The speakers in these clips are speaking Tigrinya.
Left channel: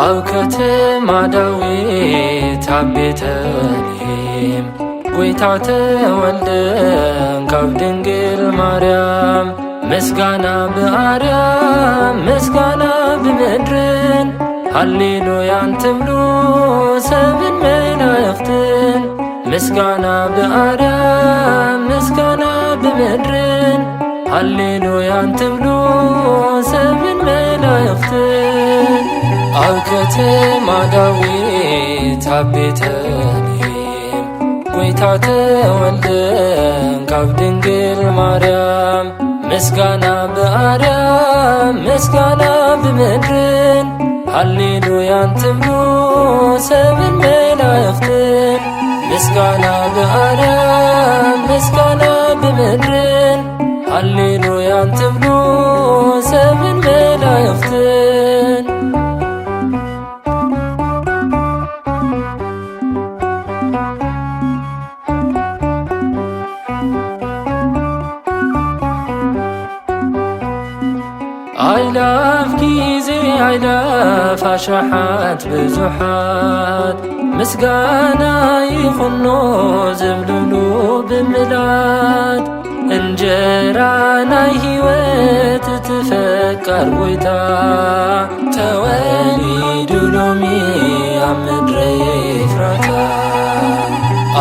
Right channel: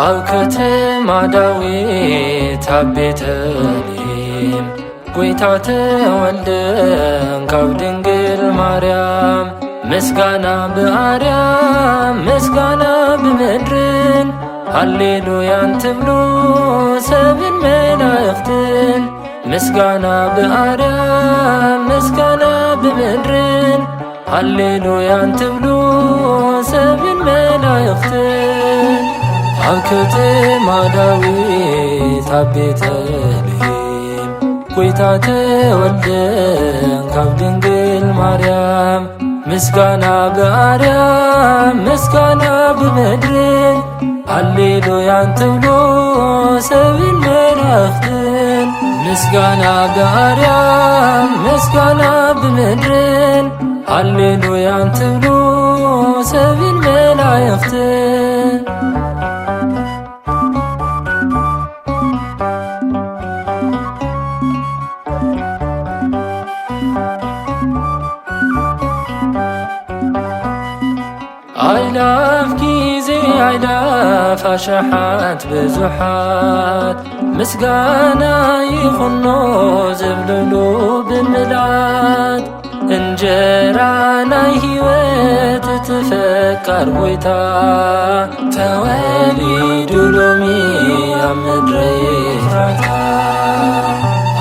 ኣብ ከተማ ዳዊት ኣብ ቤተልሔም ጐይታ ተወልደ ካብ ድንግል ማርያም ምስጋና ብኣርያም ምስጋና ብምድርን ሃሌሉያን ትብሉ ሰብን መላእኽትን ምስጋና ብኣርያም ምስጋና ብምድርን ሃሌሉያን ትብሉ ሰብን መላእኽትን ኣብ ከተማ ዳዊት ኣብ ቤተልሔም ጐይታ ተወልደ ካብ ድንግል ማርያም ምስጋና ብኣርያም ምስጋና ብምድርን ሃሌሉያን ትብሉ ሰብን መላእኽትን ምስጋና ብኣርያም ምስጋና ብምድርን ሃሌሉያን ትብሉ ሰብን መላእኽትን ኣይላፍ ጊዜ ኣይላፍ ኣሽሓት ብዙሓት ምስጋና ይኹኖ ዝብልሉ ብምልኣት እንጀራ ናይ ሕይወት እትፈቃር ጐይታ ተወሊዱ ሎሚ ኣብ ምድረ ኤፍራታ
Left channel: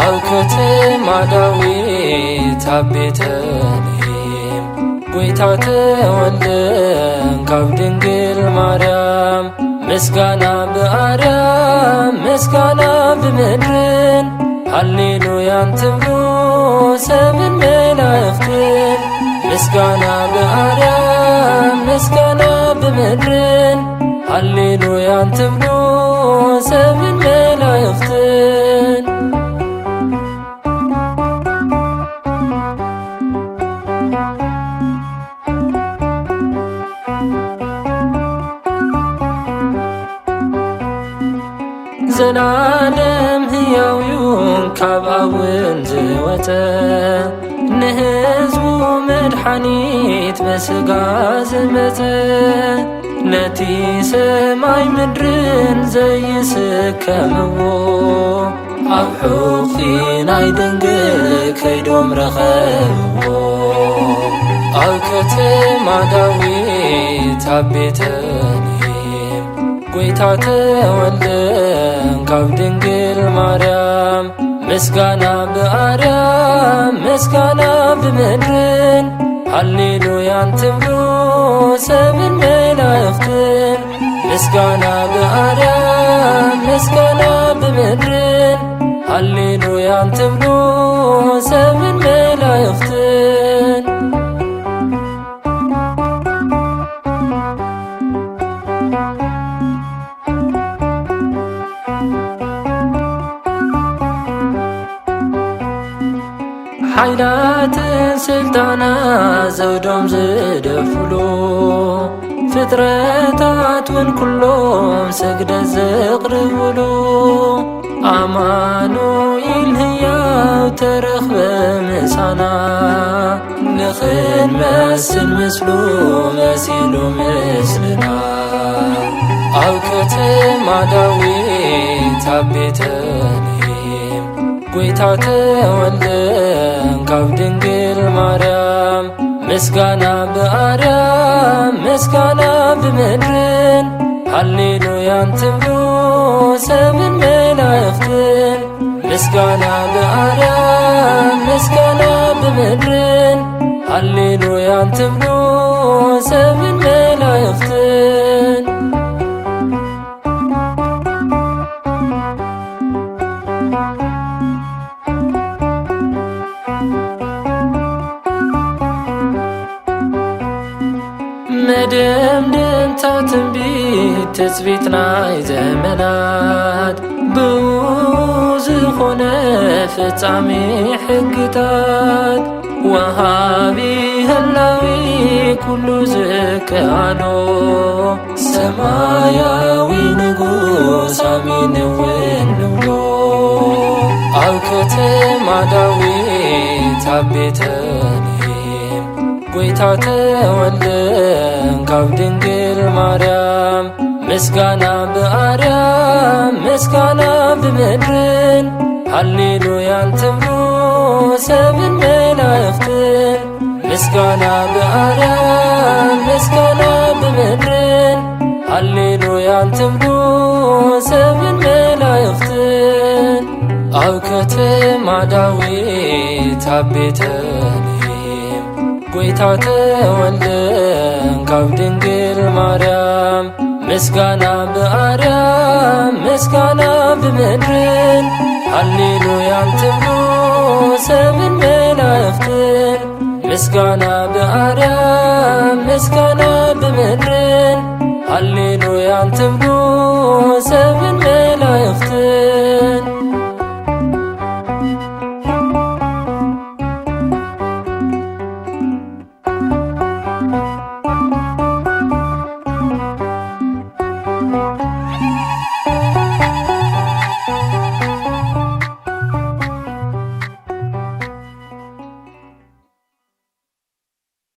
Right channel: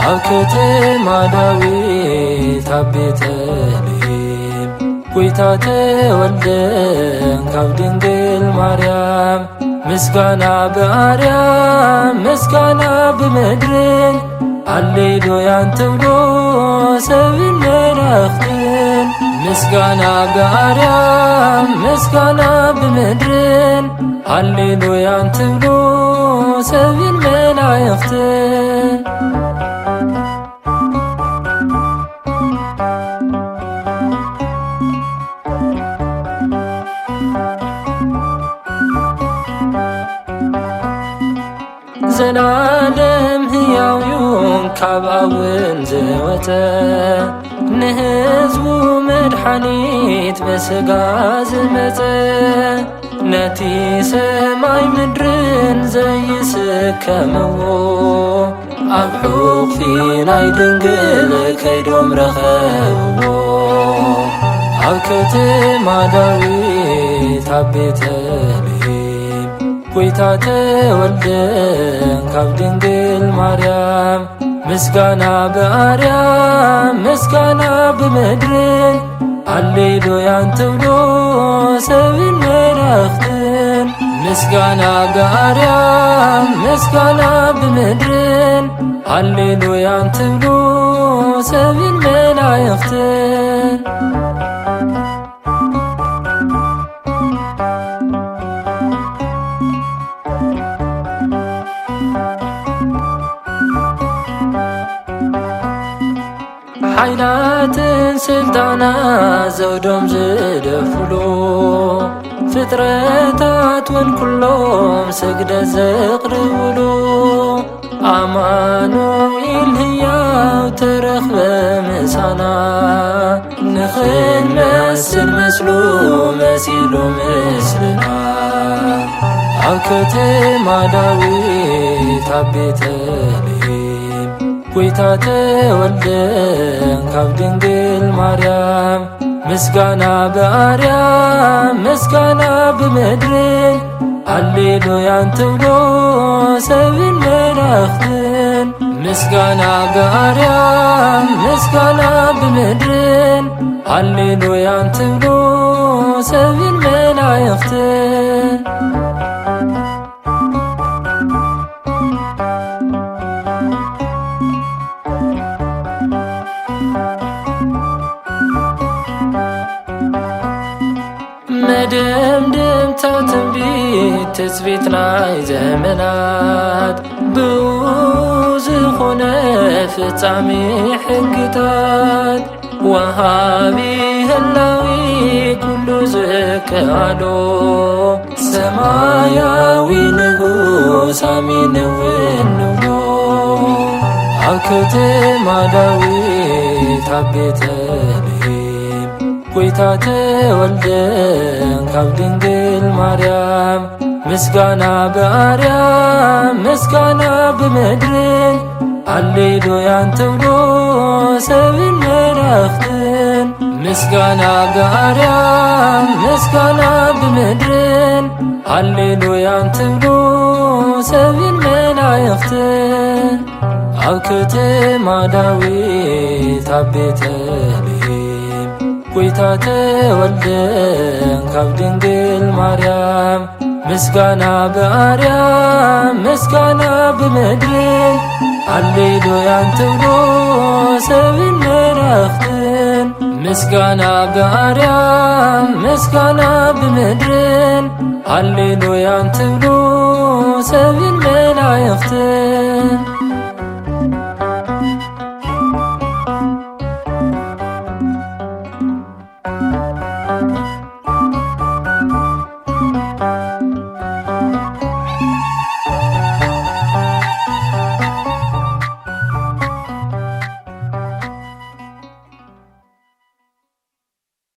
ኣብ ከተማ ዳዊት ኣብ ቤተልሔም ጐይታ ተወልደ ካብ ድንግል ማርያም ምስጋና ብኣርያም ምስጋና ብምድርን ሃሌሉያን ትብሉ ሰብን መላእኽትን ምስጋና ብኣርያም ምስጋና ብምድርን ሃሌሉያን ትብሉ ሰብን መላእኽትን ዘላለም ሕያውዩን ካብ ኣውን ዝወፀ ንህዝቡ መድሓኒት ብስጋ ዝመፀ ነቲ ሰማይ ምድርን ዘይስከምዎ ኣብ ሕቑፊ ናይ ድንግል ከይዶም ረኸብዎ ኣብ ከተማ ዳዊት ኣብ ቤተልሔም ጐይታ ተወልደ ካብ ድንግል ማርያም ምስጋና ብኣርያም ምስጋና ብምድርን ሃሌሉያን ትብሉ ሰብን መላእኽትን ምስጋና ብኣርያም ምስጋና ብምድርን ሃሌሉያን ትብሉ ሰብን መላእኽትን ሓይላትን ስልጣናት ዘውዶም ዝደፍሉ ፍጥረታት ውን ኩሎም ስግደት ዘቕርብሉ ኣማኑኤል ሕያው ተረኽበ ምሳና ንኽንመስል ምስሉ መሲሉ ምስልና ኣብ ከተማ ዳዊት ኣብ ቤተልሔም ጐይታ ተወልደ ካብ ድንግል ማርያም ምስጋና ብኣርያም ምስጋና ብምድርን ሃሌሉያን ትብሉ ሰብን መላእኽትን ምስጋና ብኣርያም ምስጋና ብምድርን ሃሌሉያን ትብሉ ሰብን መላእኽትን መደምደምታ ትንቢት ትጽቢት ናይ ዘመናት ብውዝ ኾነ ፍጻሜ ሕግታት ወሃቢ ህላዊ ኩሉ ዝከኣሎ ሰማያዊ ንጉስ አሜን እውን ንብሎ ኣብ ከተማ ዳዊት ኣብ ቤተልሔም ጐይታ ተወልደ ካብ ድንግል ማርያም ምስጋና በአርያም ምስጋና በምድርን ሃሌሉያን ተብሎ ሰብን መላእክትን ምስጋና በአርያም ምስጋና በምድርን ሃሌሉያን ተብሎ ሰብን መላእክትን ኣብ ከተማ ዳዊት ኣብ ቤተልሔም ጐይታ ተወልደ ካብ ድንግል ማርያም ምስጋና በአርያም ምስጋና በምድርን ሃሌሉያን ተብሎ ሰብን መላእክትን ምስጋና በአርያም ምስጋና በምድርን